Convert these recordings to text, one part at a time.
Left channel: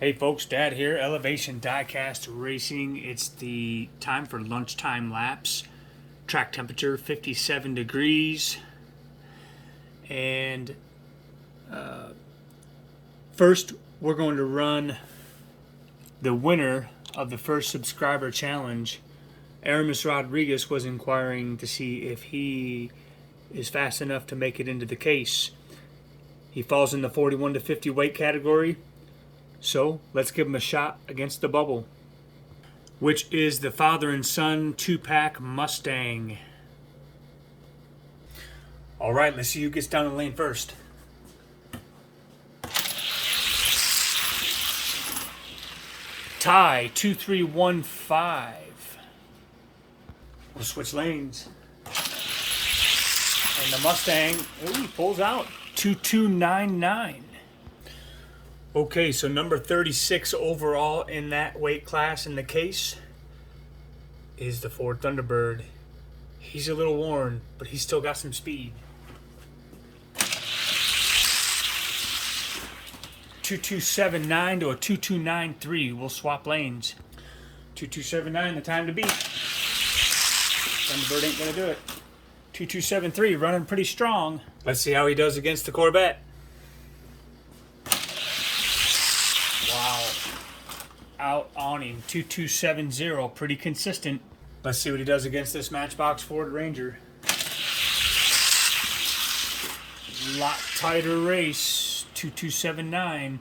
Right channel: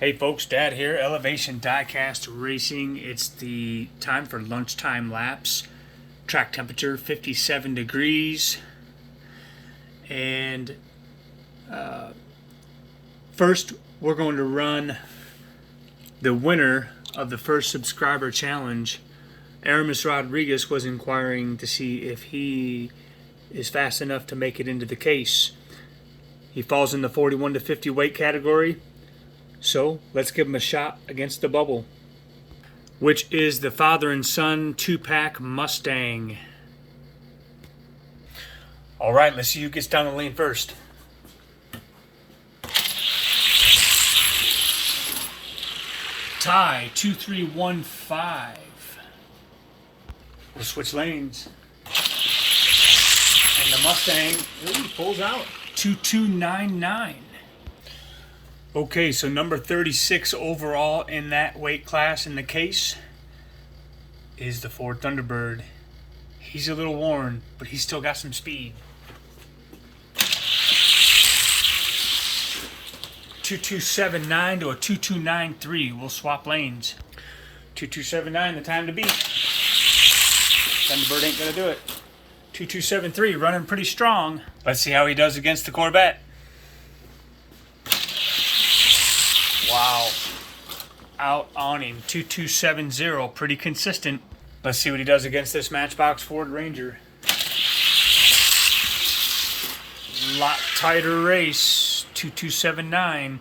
Hey folks, Dad here, Elevation Diecast Racing. It's the time for lunchtime laps. Track temperature 57 degrees. And first we're going to run the winner of the first subscriber challenge. Aramis Rodriguez was inquiring to see if he is fast enough to make it into the case. He falls in the 41 to 50 weight category. So let's give him a shot against the bubble, which is the father and son 2-pack Mustang. All right, let's see who gets down the lane first. Ty 2315. We'll switch lanes. And the Mustang, he pulls out 2299. Okay, so number 36 overall in that weight class in the case is the Ford Thunderbird. He's a little worn, but he's still got some speed. 2279 to a 2293. We'll swap lanes. 2279, the time to beat. Thunderbird ain't gonna do it. 2273, running pretty strong. Let's see how he does against the Corvette. Wow. Out on him. 2270. Pretty consistent. Let's see what he does against this Matchbox Ford Ranger. Lot tighter race. 2279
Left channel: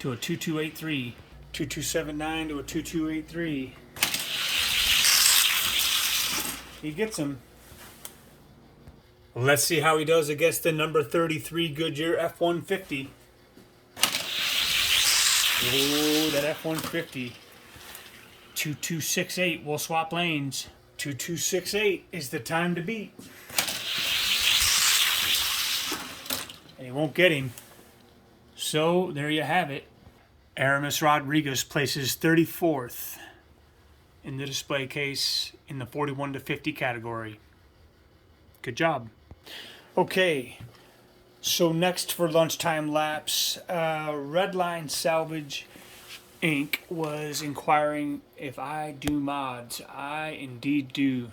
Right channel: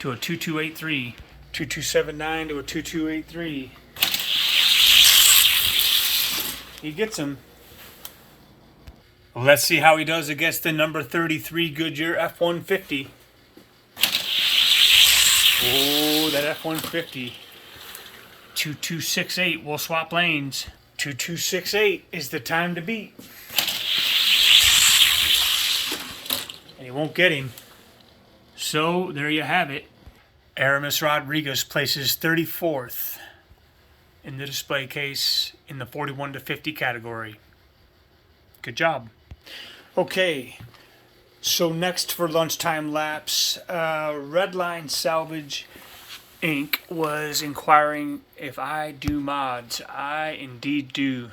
to a 2283. 2279 to a 2283. He gets him. Let's see how he does against the number 33 Goodyear F-150. Oh, that F-150. 2268. We'll swap lanes. 2268 is the time to beat. And he won't get him. So, there you have it. Aramis Rodriguez places 34th in the display case in the 41 to 50 category. Good job. Okay. So next for lunchtime laps, Redline Salvage Inc. was inquiring if I do mods. I indeed do.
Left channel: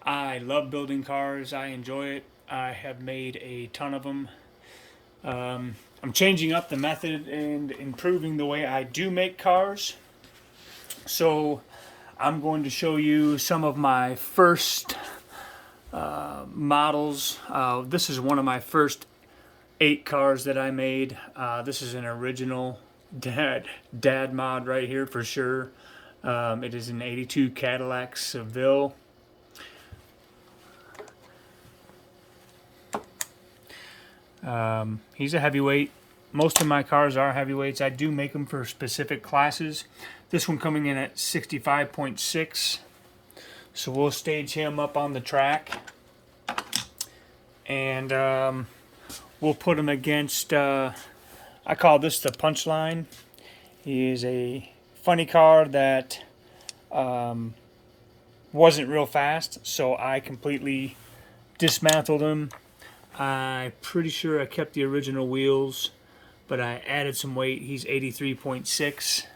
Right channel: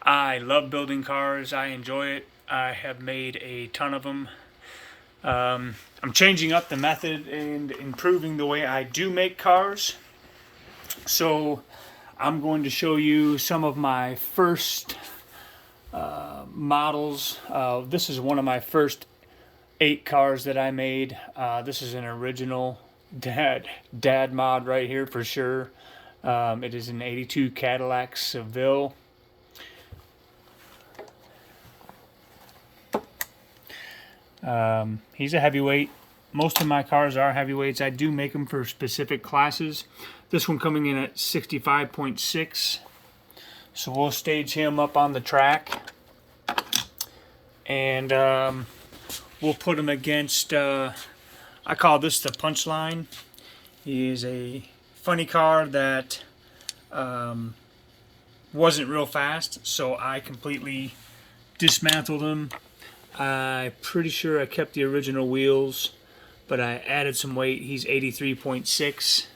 I love building cars. I enjoy it. I have made a ton of them. I'm changing up the method and improving the way I do make cars. So I'm going to show you some of my first models. This is one of my first 8 cars that I made. This is an original dad mod right here for sure. It is an 82 Cadillac Seville. He's a heavyweight. Most of my cars are heavyweights. I do make them for specific classes. This one coming in at 65.6. So we'll stage him up on the track. And we'll put him against, I call this the Punchline. He is a funny car that wasn't real fast, so I completely dismantled him. I'm pretty sure I kept the original wheels, but I added some weight. He's 83.6.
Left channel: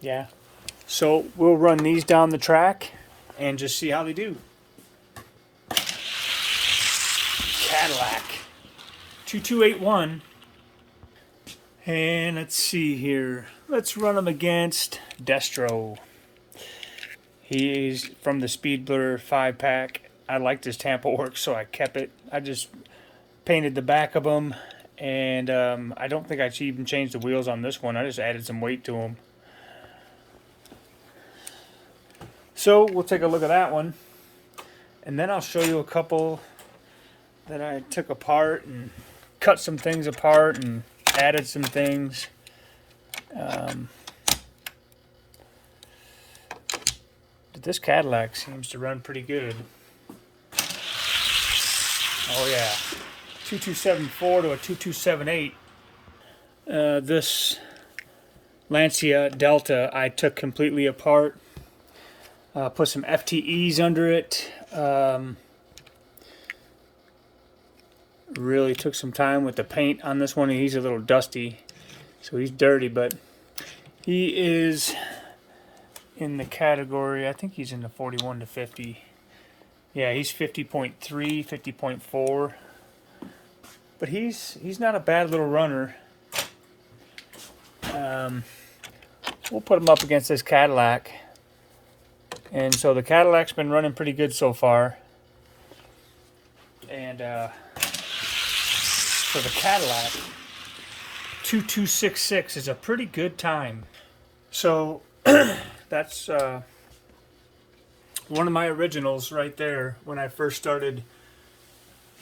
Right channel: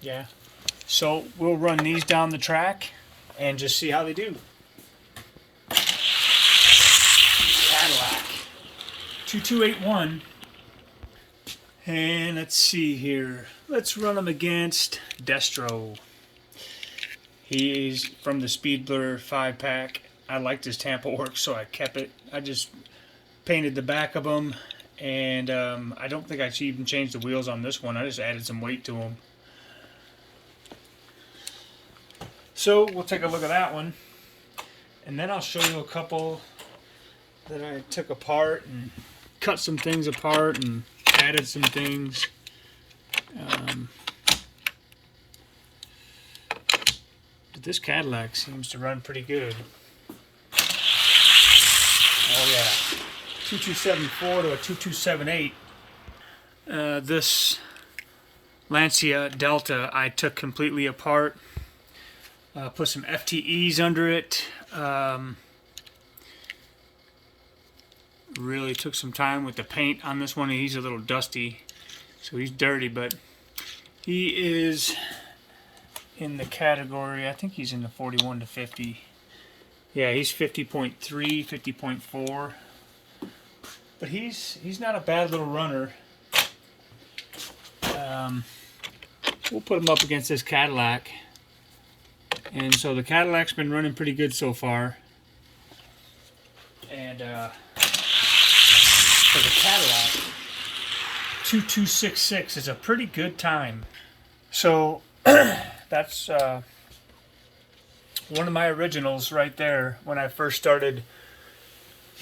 Yeah. So we'll run these down the track and just see how they do. Cadillac 2281. And let's see here. Let's run him against Destro. He is from the Speed Blur 5-pack. I liked his Tampa work, so I kept it. I just painted the back of him, and I don't think I should even change the wheels on this one. I just added some weight to him. So we'll take a look at that one, and then I'll show you a couple that I took apart and cut some things apart and added some things. But this Cadillac seems to run pretty good. Oh yeah, 2274 to a 2278. This Lancia Delta I took completely apart. Put some FTEs under it. Really took some time with the paint on this one. He's a little dusty. So he's dirty, but he is in the category, I think he's in the 41 to 50. Yeah, he's 50.3, 50.4. But he's not a bad little runner. We'll put him up against this Cadillac. And so the Cadillac's been running pretty good so far. And for the Cadillac, 2266 is a pretty good time. So that's one of my originals right there when I first started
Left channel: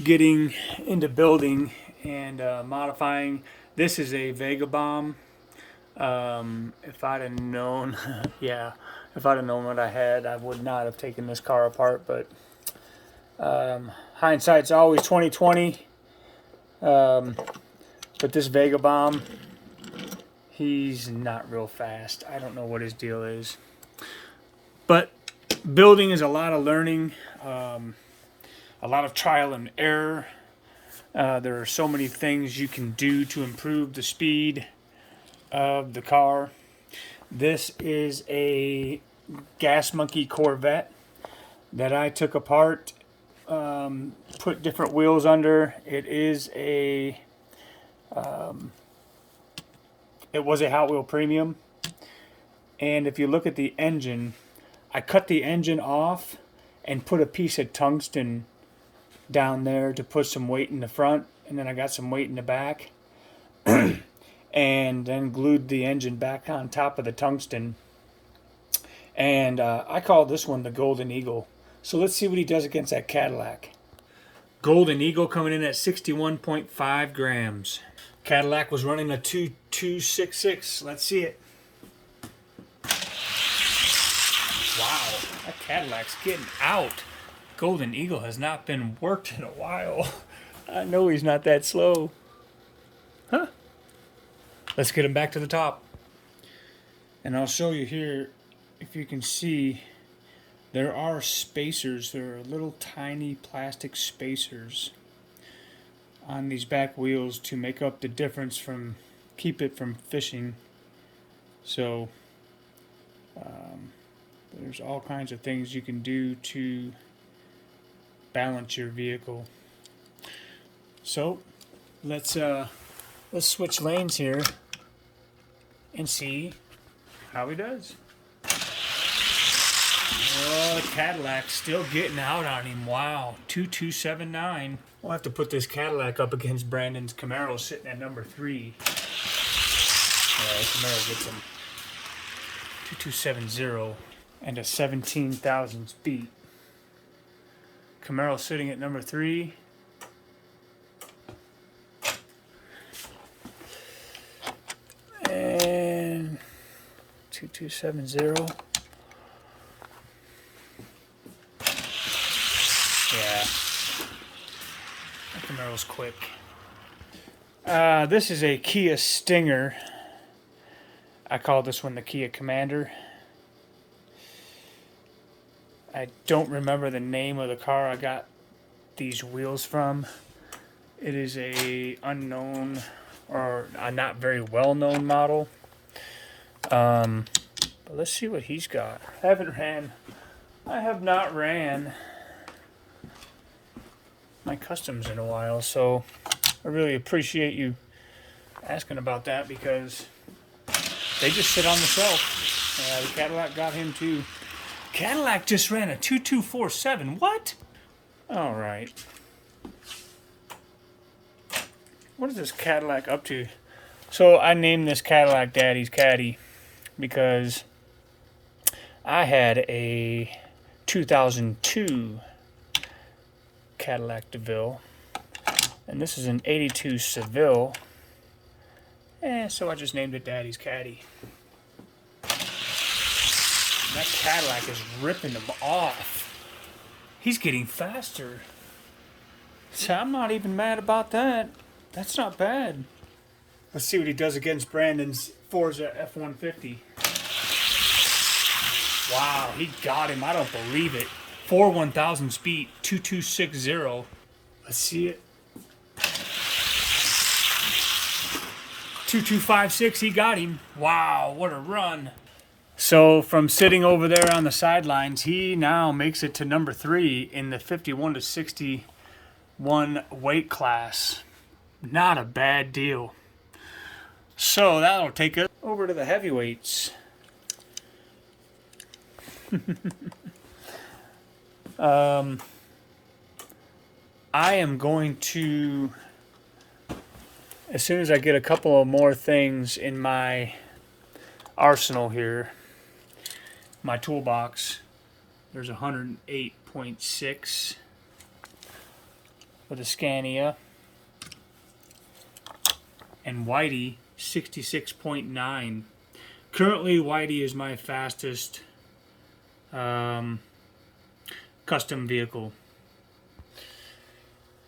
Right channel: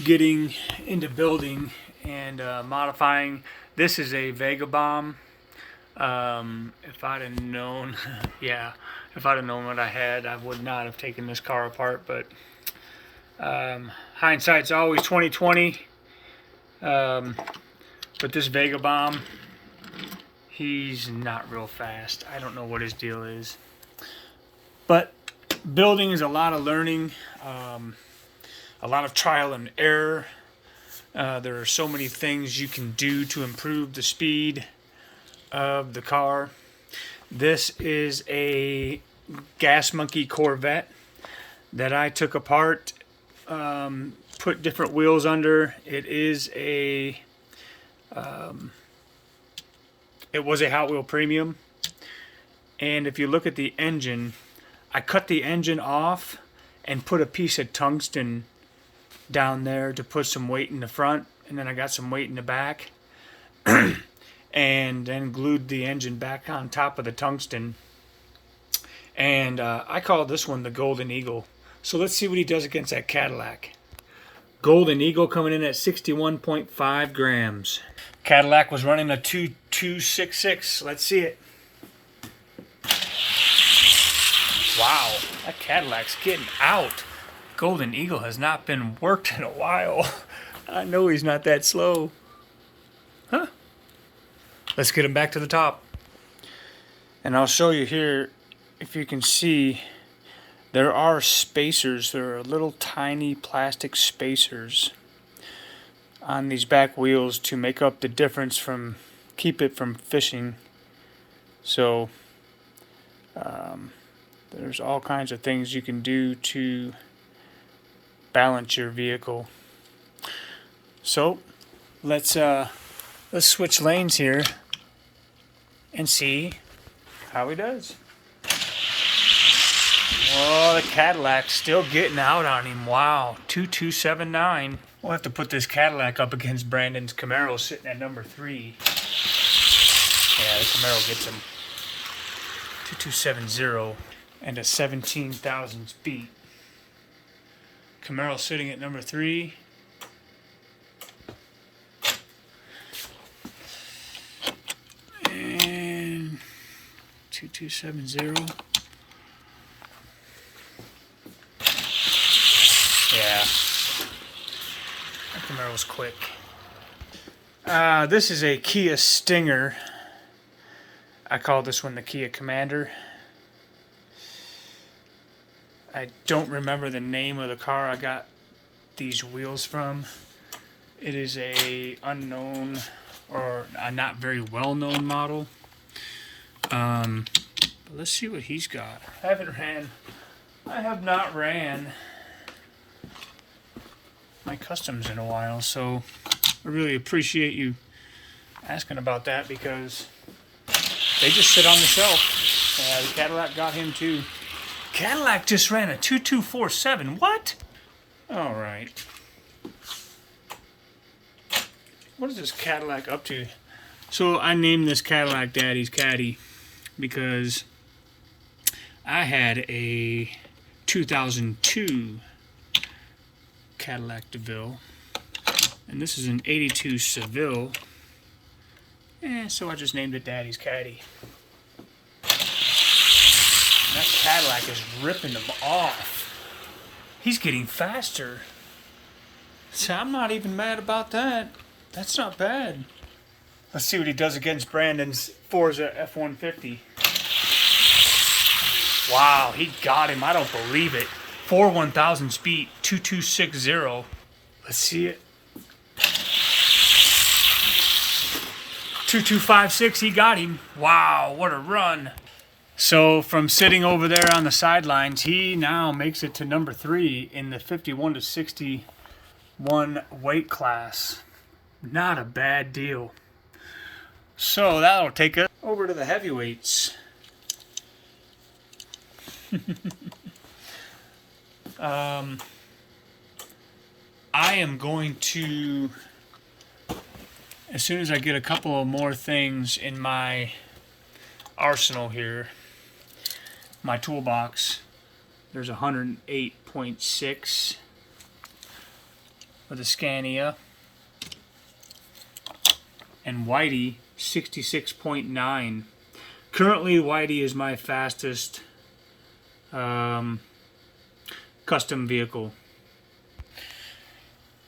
getting into building and modifying. This is a Vagabomb. If I'd have known, yeah, if I'd have known what I had, I would not have taken this car apart. But hindsight's always 20/20. But this Vagabomb, he's not real fast. I don't know what his deal is. But building is a lot of learning, a lot of trial and error. There are so many things you can do to improve the speed of the car. This is a Gas Monkey Corvette that I took apart, put different wheels under. It was a Hot Wheel Premium, and if you look at the engine, I cut the engine off and put a piece of tungsten down there to put some weight in the front, and then I got some weight in the back. And then glued the engine back on top of the tungsten. And I call this one the Golden Eagle. So let's see what he does against that Cadillac. Golden Eagle coming in at 61.5 grams. Cadillac was running a 2266. Let's see it. Wow, that Cadillac's getting out. Golden Eagle has not been worked in a while. I know he's not that slow. Huh? Let's get him back to the top. And I'll show you here, if you can see, there are spacers. There are little tiny plastic spacers on these back wheels to make up the difference from, keep it from fishing. So there's all kinds of things you can do to balance your vehicle. So let's switch lanes here and see how he does. Oh, the Cadillac's still getting out on him. Wow, 2279. We'll have to put this Cadillac up against Brandon's Camaro sitting at number 3. Yeah, the Camaro gets him. 2270 and a 17,000 beat. Camaro sitting at number 3. And 2270. Yeah. That Camaro's quick. This is a Kia Stinger. I call this one the Kia Commander. I don't remember the name of the car I got these wheels from. It is a unknown or a not very well-known model. But let's see what he's got. I have not ran my customs in a while, so I really appreciate you asking about that because they just sit on the shelf. The Cadillac got him too. Cadillac just ran a 2247. What? All right. What is this Cadillac up to? So I named this Cadillac Daddy's Caddy because I had a 2002 Cadillac DeVille, and this is an 82 Seville, and so I just named it Daddy's Caddy. And that Cadillac is ripping him off. He's getting faster. So I'm not even mad about that. That's not bad. Let's see what he does against Brandon's Forza F-150. Wow, he got him. I don't believe it. 4/1000 speed, 2260. Let's see it. 2256, he got him. Wow, what a run. So from sitting over there on the sidelines, he now makes it to number 3 in the 51 to 61 weight class. Not a bad deal. So that'll take us over to the heavyweights. I am going to, as soon as I get a couple of more things in my arsenal here, my toolbox, there's 108.6 for the Scania, and Whitey 66.9. Currently, Whitey is my fastest custom vehicle.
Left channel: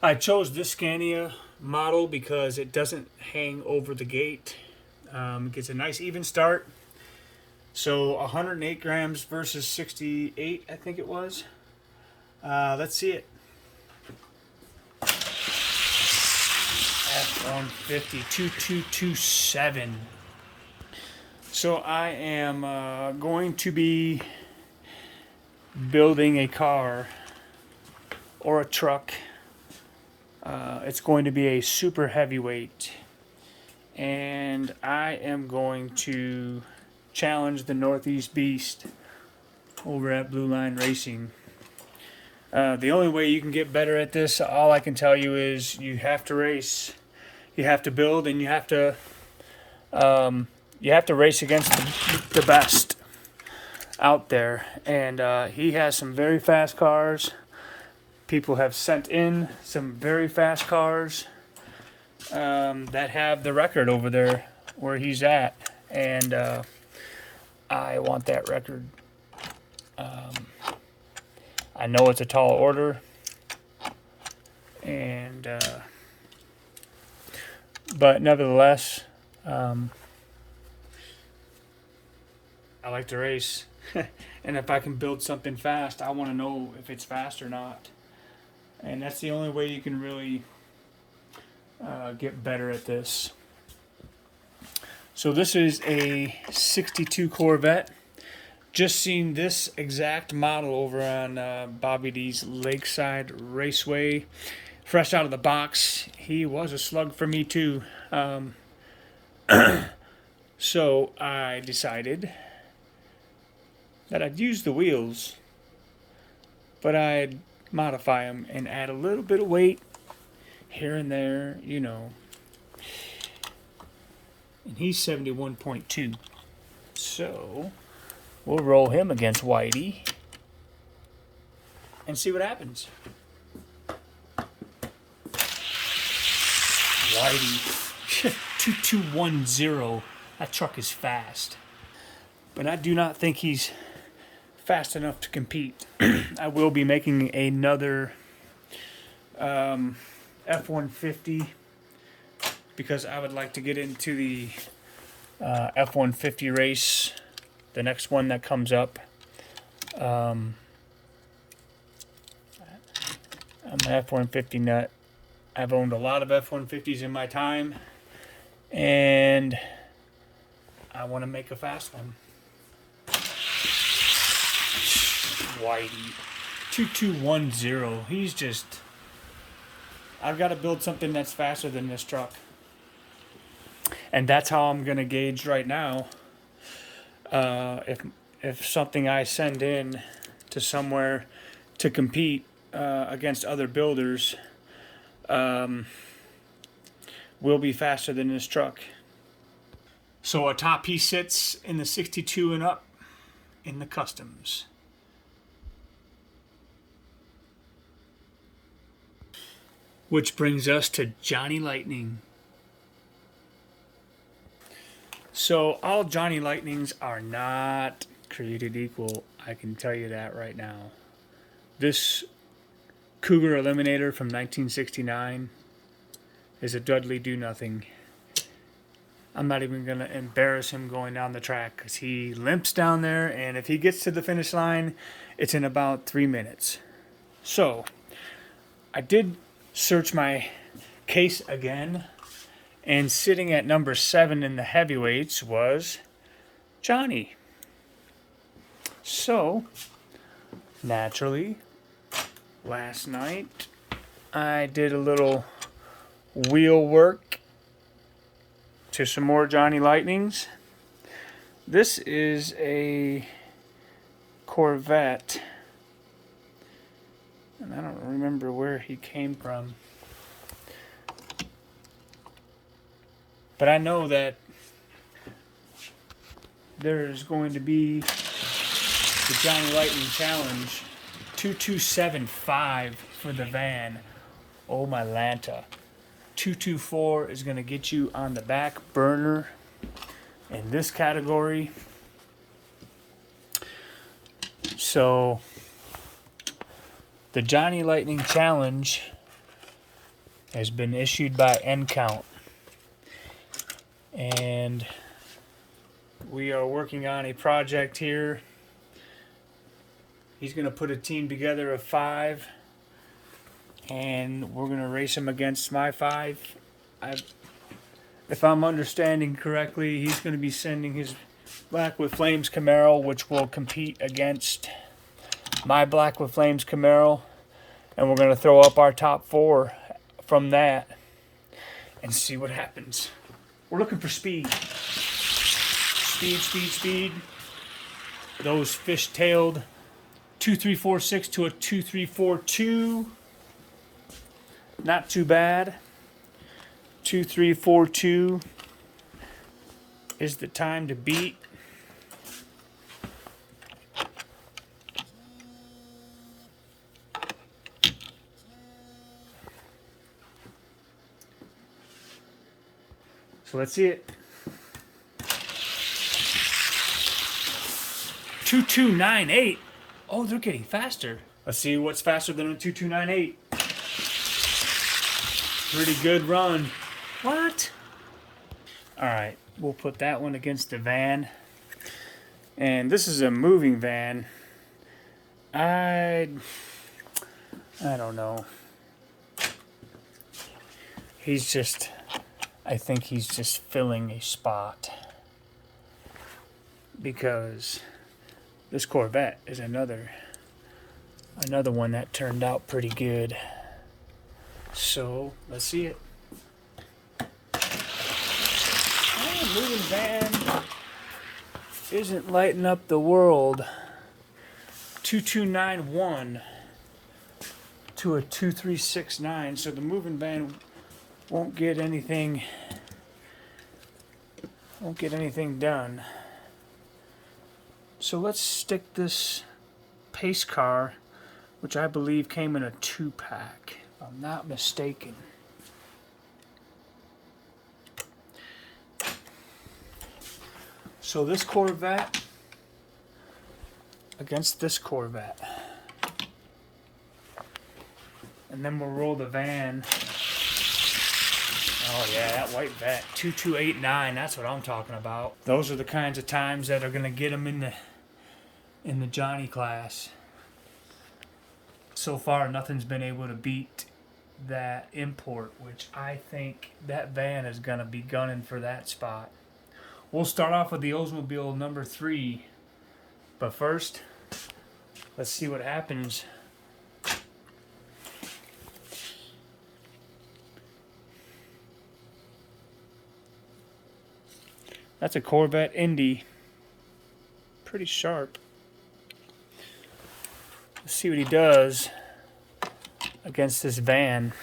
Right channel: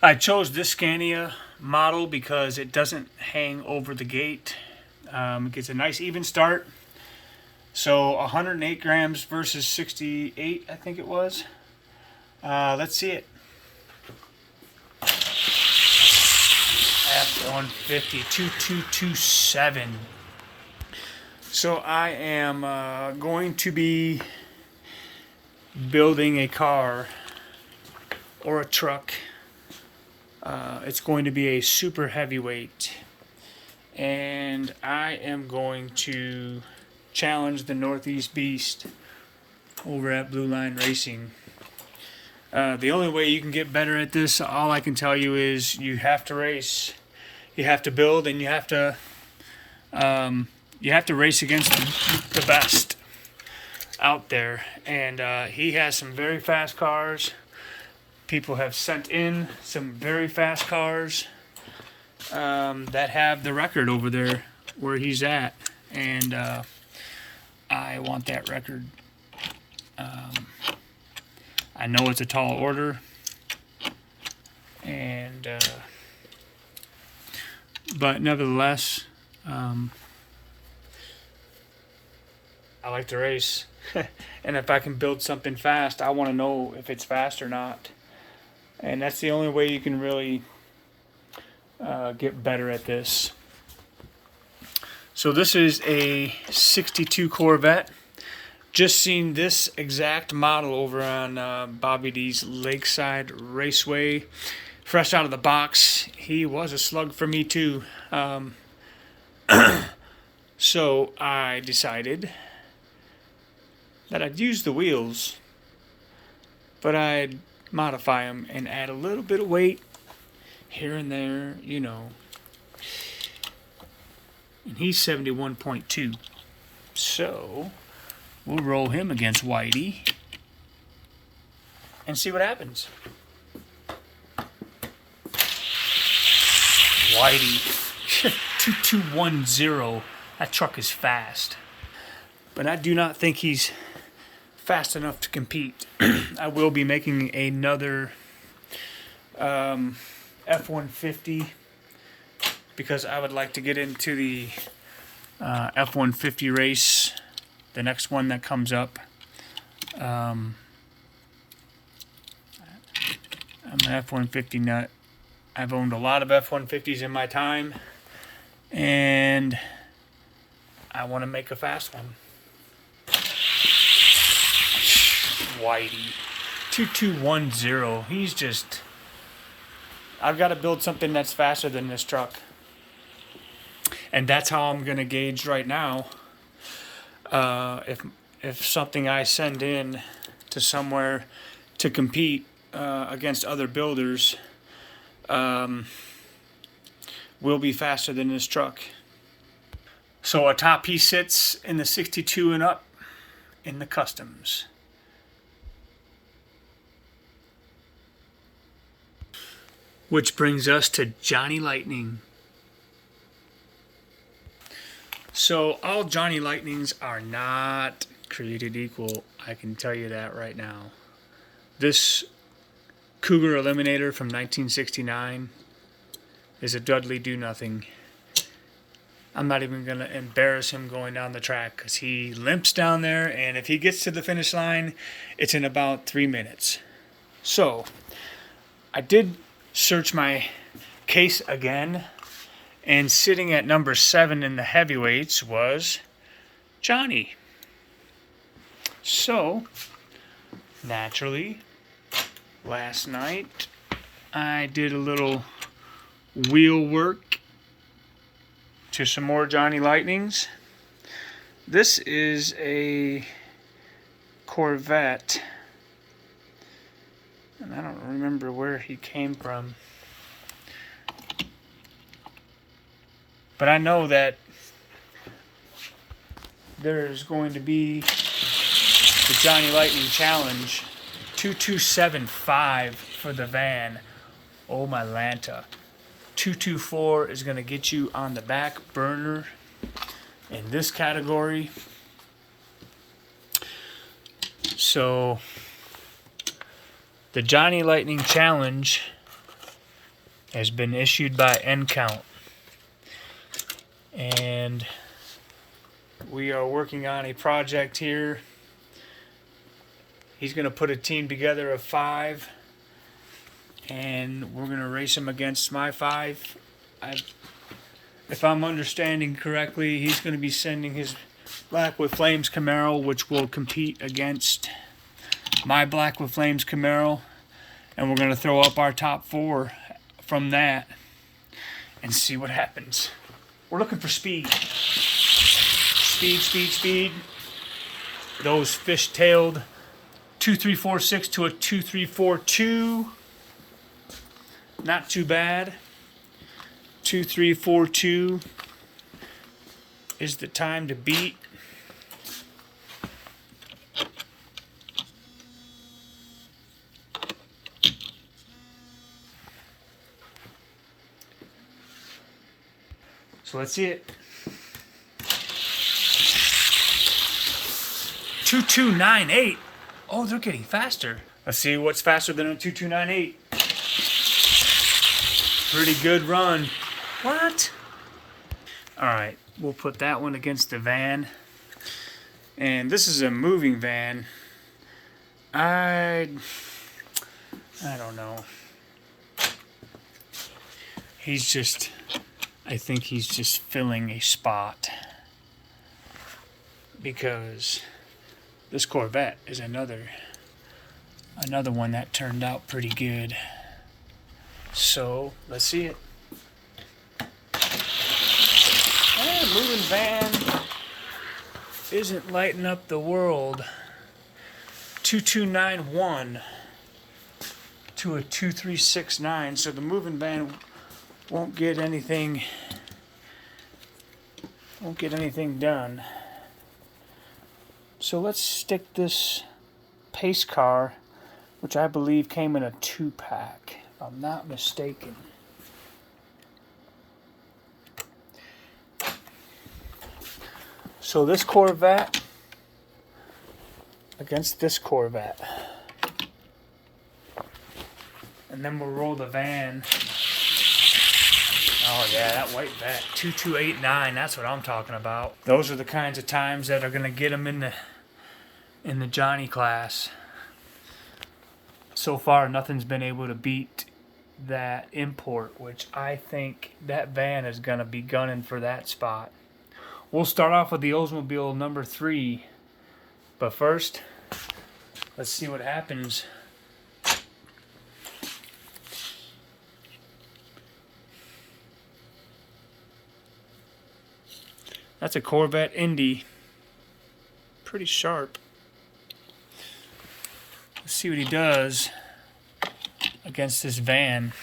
I chose this Scania model because it doesn't hang over the gate. It gets a nice even start. So 108 grams versus 68, I think it was. Let's see it. F-150 2227. So I am going to be building a car or a truck. It's going to be a super heavyweight, and I am going to challenge the Northeast Beast over at Blue Line Racing. The only way you can get better at this, all I can tell you is you have to race, you have to build, and you have to race against the best out there. And he has some very fast cars. People have sent in some very fast cars that have the record over there where he's at, and I want that record. I know it's a tall order, and but nevertheless, I like to race. And if I can build something fast, I want to know if it's fast or not. And that's the only way you can really get better at this. So this is a 62 Corvette. Just seen this exact model over on Bobby D's Lakeside Raceway. Fresh out of the box. He was a slug for me too. So I decided that I'd use the wheels, but I'd modify them and add a little bit of weight here and there, you know. And he's 71.2. So we'll roll him against Whitey and see what happens. Whitey 2210. That truck is fast, but I do not think he's fast enough to compete. I will be making another F-150 because I would like to get into the F-150 race, the next one that comes up. I'm an F-150 nut. I've owned a lot of F-150s in my time, and I want to make a fast one. Whitey 2210. He's just, I've got to build something that's faster than this truck, and that's how I'm gonna gauge right now if something I send in to somewhere to compete against other builders will be faster than this truck. So a top piece sits in the 62 and up in the customs. Which brings us to Johnny Lightning. So all Johnny Lightnings are not created equal. I can tell you that right now. This Cougar Eliminator from 1969 is a Dudley do-nothing. I'm not even going to embarrass him going down the track because he limps down there, and if he gets to the finish line, it's in about 3 minutes. So I did search my case again, And sitting at number 7 in the heavyweights was Johnny. So, naturally, last night I did a little wheel work to some more Johnny Lightnings. This is a Corvette, and I don't remember where he came from, but I know that there's going to be the Johnny Lightning Challenge 2275 for the van. Oh my Lanta. 224 is going to get you on the back burner in this category. So the Johnny Lightning Challenge has been issued by N-Count, and we are working on a project here. He's going to put a team together of 5, and we're going to race him against my 5. If I'm understanding correctly, he's going to be sending his Black with Flames Camaro, which will compete against my Black with Flames Camaro, and we're going to throw up our top 4 from that and see what happens. We're looking for speed. Speed. Those fish-tailed 2346 to a 2342. Not too bad. 2342 is the time to beat. So let's see it. 2298. Oh, they're getting faster. Let's see what's faster than a 2298. Pretty good run. What? Alright, we'll put that one against the van. And this is a moving van. I don't know. I think he's just filling a spot. Because this Corvette is another one that turned out pretty good. So, let's see it. Moving van isn't lighting up the world. 2291 to a 2369. So the moving van won't get anything done. So let's stick this pace car, which I believe came in a 2-pack, if I'm not mistaken. So this Corvette against this Corvette. And then we'll roll the van. Oh yeah, that white vet. 2289, that's what I'm talking about. Those are the kinds of times that are going to get them in the Johnny class. So far, nothing's been able to beat that import, which I think that van is going to be gunning for that spot. We'll start off with the Oldsmobile number 3. But first, let's see what happens. That's a Corvette Indy. Pretty sharp. Let's see what he does against this van.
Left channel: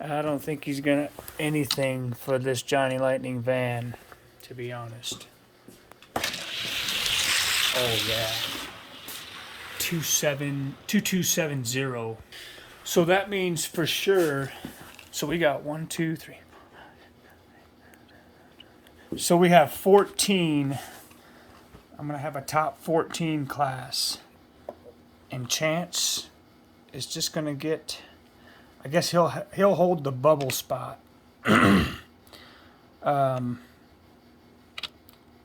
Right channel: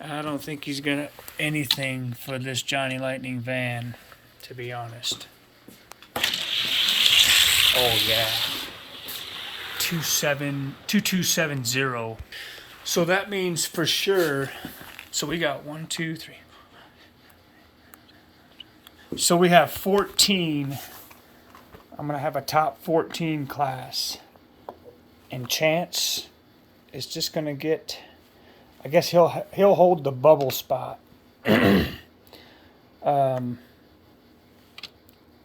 I don't think he's gonna anything for this Johnny Lightning van, to be honest. Oh yeah. 2270. So that means for sure. So we got 1, 2, 3. So we have 14. I'm gonna have a top 14 class. And Chance is just gonna get. I guess he'll hold the bubble spot.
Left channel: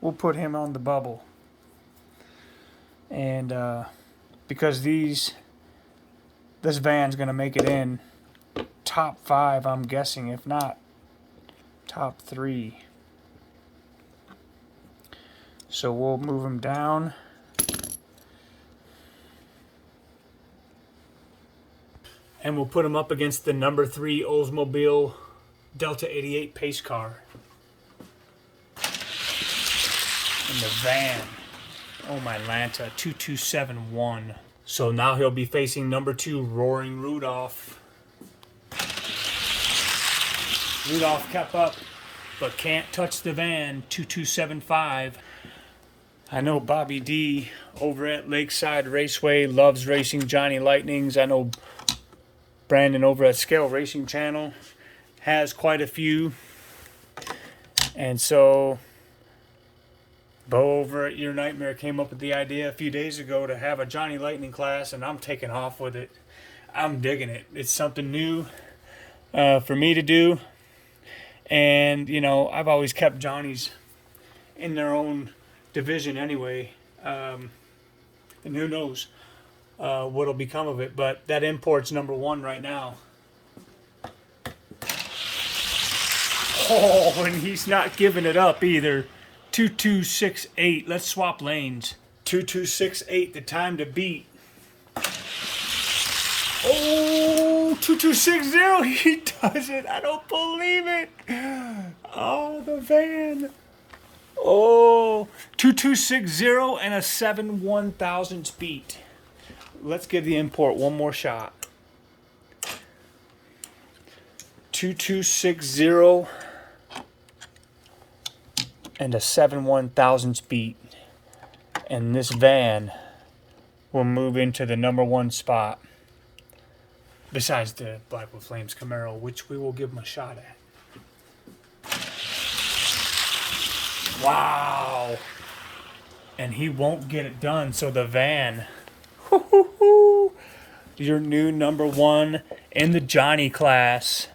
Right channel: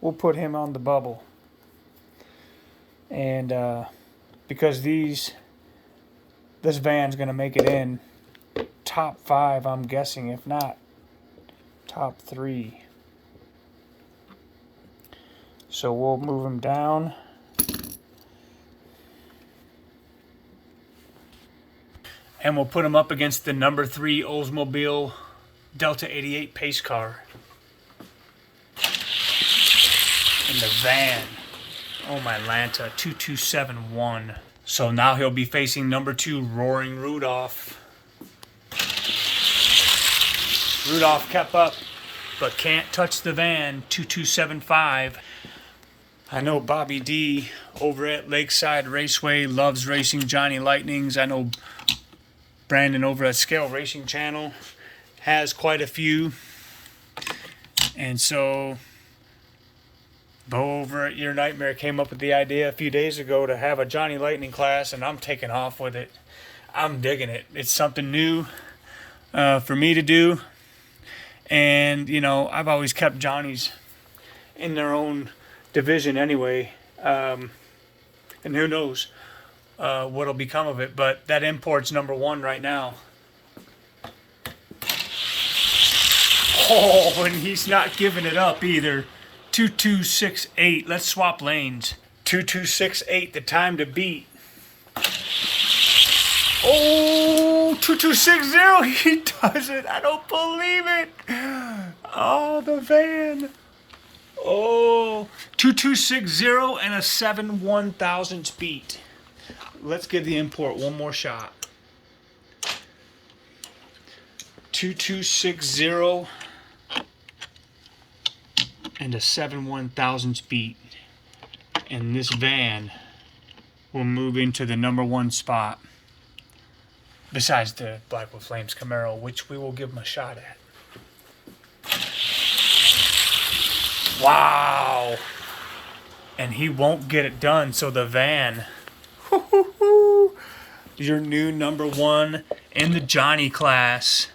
We'll put him on the bubble. And because this van's going to make it in top 5, I'm guessing, if not top 3. So we'll move them down. And we'll put them up against the number 3 Oldsmobile Delta 88 pace car. In the van. Oh my Lanta, 2271. So now he'll be facing number 2 Roaring Rudolph. Rudolph kept up, but can't touch the van, 2275. I know Bobby D over at Lakeside Raceway loves racing Johnny Lightnings. I know Brandon over at Scale Racing Channel has quite a few. And so Bo over at Your Nightmare came up with the idea a few days ago to have a Johnny Lightning class, and I'm taking off with it. I'm digging it. It's something new for me to do. And, you know, I've always kept Johnnies in their own division anyway. And who knows what'll become of it. But that import's number 1 right now. Oh, and he's not giving it up either. 2268. Let's swap lanes. 2268, the time to beat. Oh, 2260. He does it. I don't believe it. Oh, the van. Oh, 2260 and a 7/1000 beat. Let's give the import one more shot. 2260 and a 7/1000 beat, and this van will move into the number 1 spot besides the Black with Flames Camaro, which we will give him a shot at. Wow, and he won't get it done. So the van, your new number 1 in the Johnny class,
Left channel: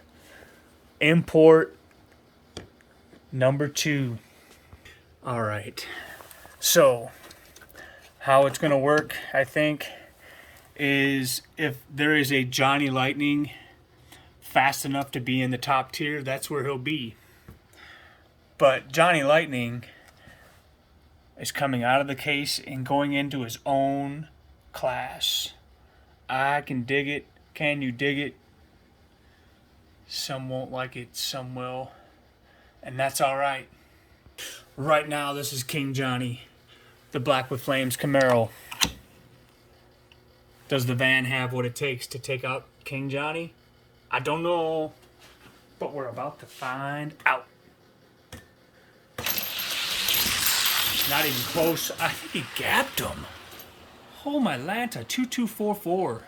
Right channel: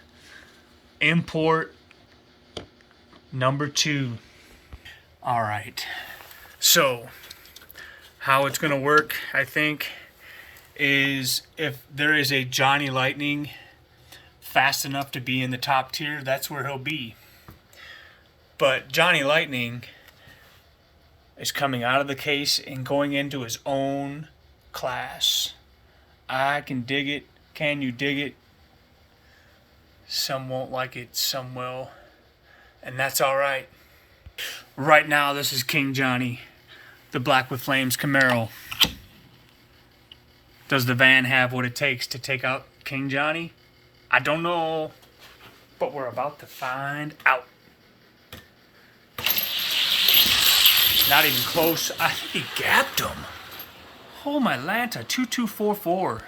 import number 2. All right, so how it's gonna work, I think, is if there is a Johnny Lightning fast enough to be in the top tier, that's where he'll be. But Johnny Lightning is coming out of the case and going into his own class. I can dig it. Can you dig it? Some won't like it, some will, and that's all right. Right now, this is King Johnny, the Black with Flames Camaro. Does the van have what it takes to take out King Johnny? I don't know, but we're about to find out. Not even close. I think he gapped him. Oh, my Lanta, 2244.